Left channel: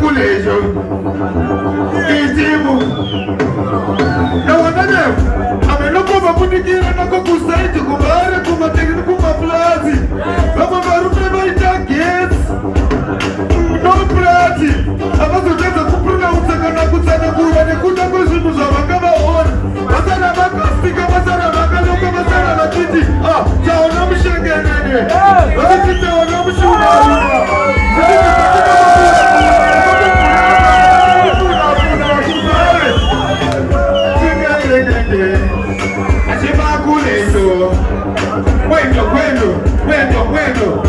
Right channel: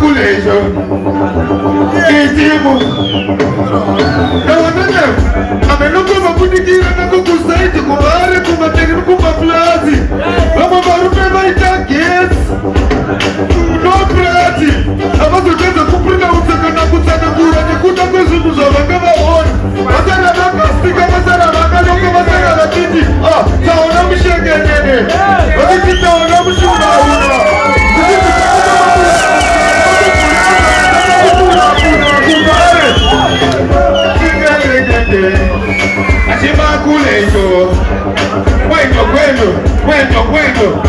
kulejo itimu na wananeo amenokova kudikira nako kusaiti kubare kumatekini kumaplazi vamwe varume vaita gesi no prati avazotedza kuprinda utsakana kutsanangura nekuda kwezvinhu zvavanga vaona vasara vakasika vasara vakanoka vasara vachiti taona mushengenene vakiti taona mushunauna achivakulecho kwendo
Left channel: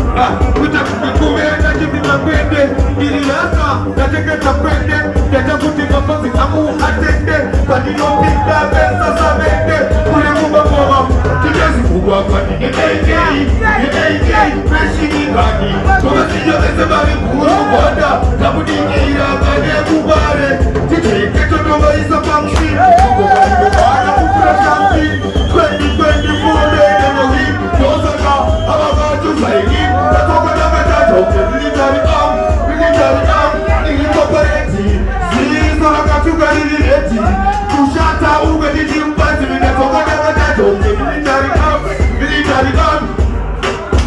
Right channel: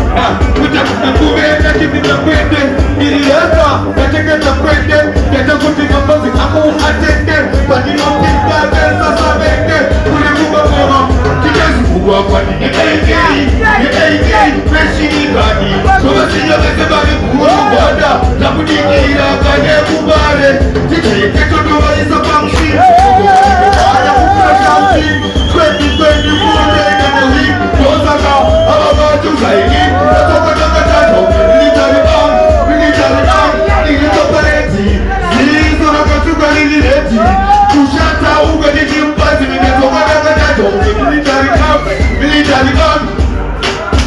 kutakukuveenda chipima kwende ililasa nateketa kwende yatakuti mapazi amu atende paninopita kesasa vende kulimumamoma kitezikugwa kwani yekeikei peshinibani kovasinyavese vari kuru kwada takudikira vane kubare ticheketotovaisa pamushi kugoaaa uprashamsi kwendi murodegenoi tosaka ava vatu zaini tatokatakatatauke military arm ilitopareti zizo rakatuka lilireti kushata ugadikimpazi minetokatakatatauke military arm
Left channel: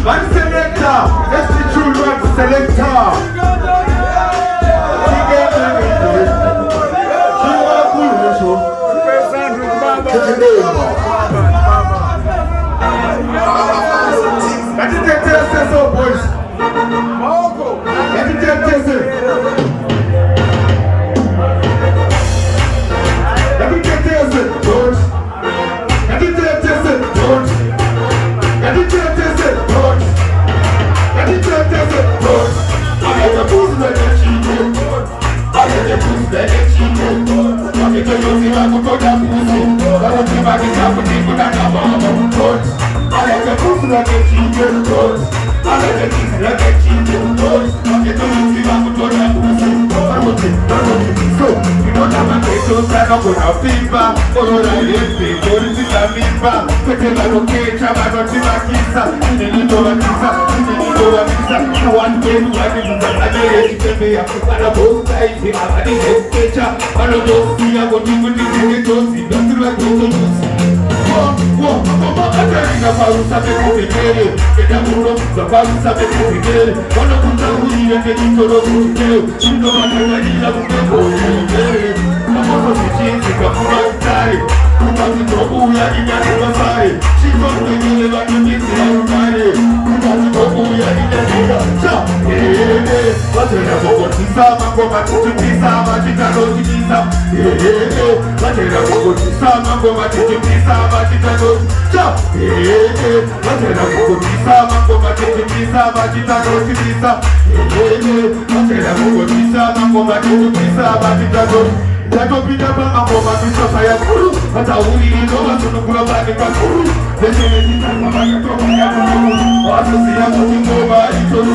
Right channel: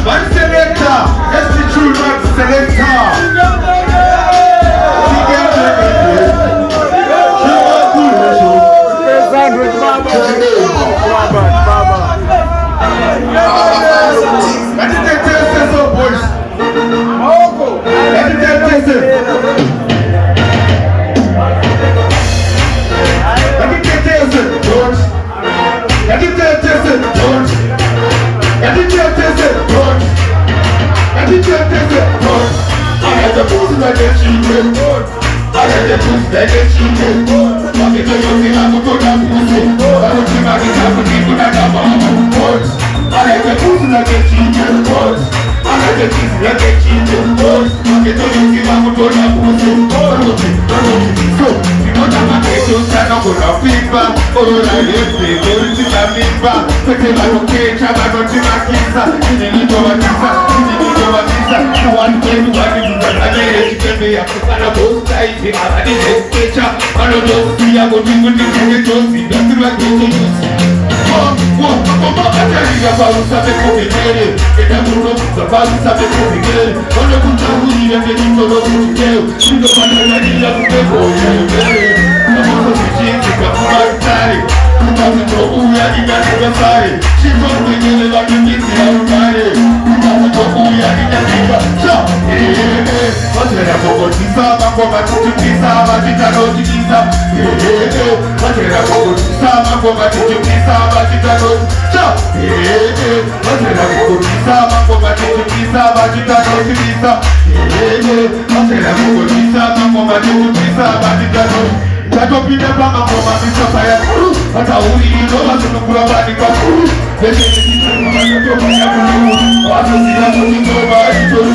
Van selector, SC children selector. Tatopinda pama ngoma mitosa ya kuru hata uli ndoa tunukula bani kakuru Vejele jitana matatoka ya kuru Wasosi ya ngoma itolu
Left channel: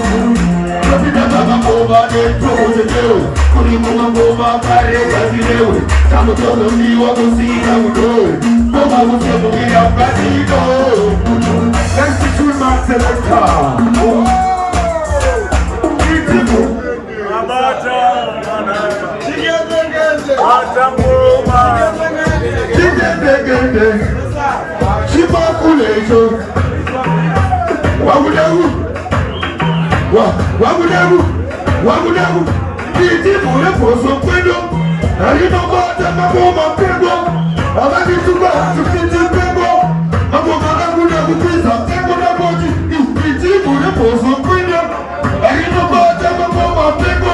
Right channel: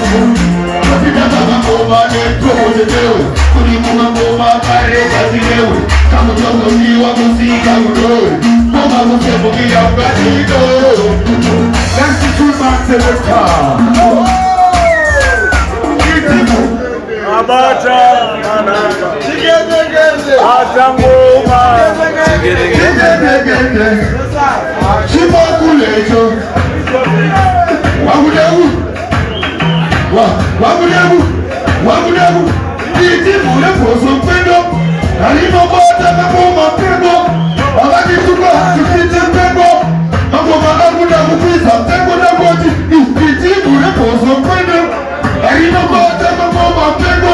Tatopinda pama ngoma neto mojetewe Kurimunga ngoma kare kazilewe Tamu tozo siwa kusika udowe Ngoma kuchemugia mkatido Nancy Chulman Seleka Itimu Abata Shimakulecho Wabudebu Itimu leposo kwendo Alino bata makoma pego Abadi tuka tukiti pego Makoma abudebu pisa pego na boti Itimu leposo kwendo Alino bata makoma pego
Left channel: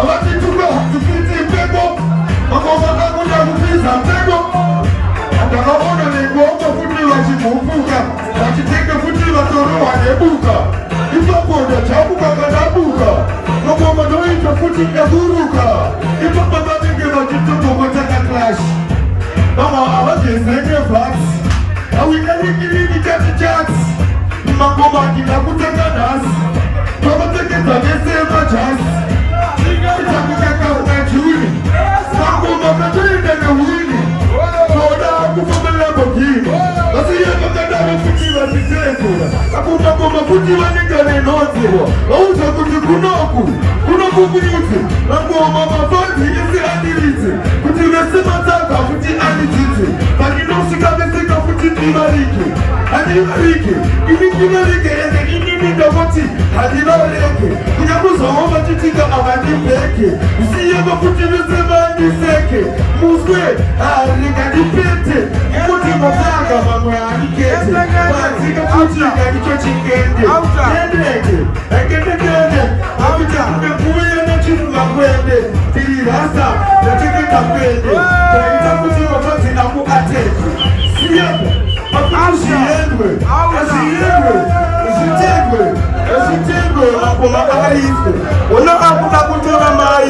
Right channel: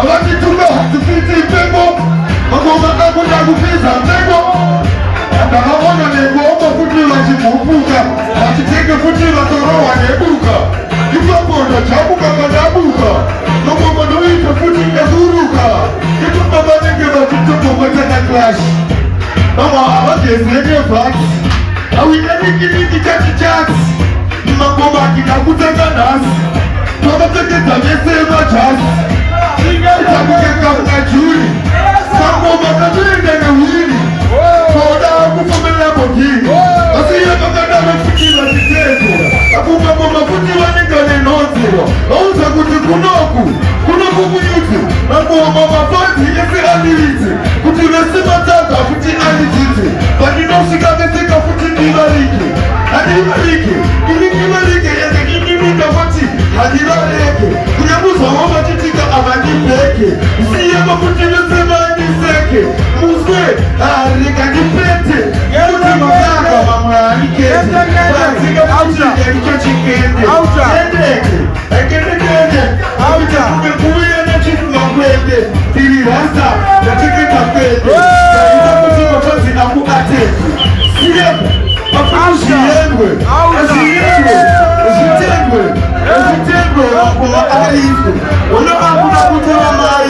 Abadi tuka tukiti pego Makoma abudebu pisa pego Atakaona negomba futila chimupuka Achiteke futila torowa nebuka Ipapoda chabuka kanabuka Nogomba noita futila guruka Ipa babanenge batutuko mataka clash Nama abagezenge vats Awinaniki chati Magomba kinakutaka nasi Tomateke zamesema chasi Itabuke kama juli Magomba kajuli ndene wili Kufumela kogini Asiya kakadara fikira chitezo Akungomba futila negane nozero Lauza kuti kunoku kubunyuti Mangoma mafonti yesi aniliti Kuti vesi mataka kuti anijiti Vaninoshika vesika kuti nibariki Hadibariki Ini nibariki yenge ini ndavati Hadibariki Kunyamuza wama titika amanipeke Usiyema kuti vesema aniseke Muzwe harika nipete Kuti mataka mama anikete Wanzika kuti nganicho chikende Endeke Engedekende Mabita kumekuya na chifu makwende Tiri rasta na cheke makwende Kaita kuti mafazi aku ateki Siyepo Mafutu shiyengwe Ezitengwe Ako maarifu Ono aku makutu na mari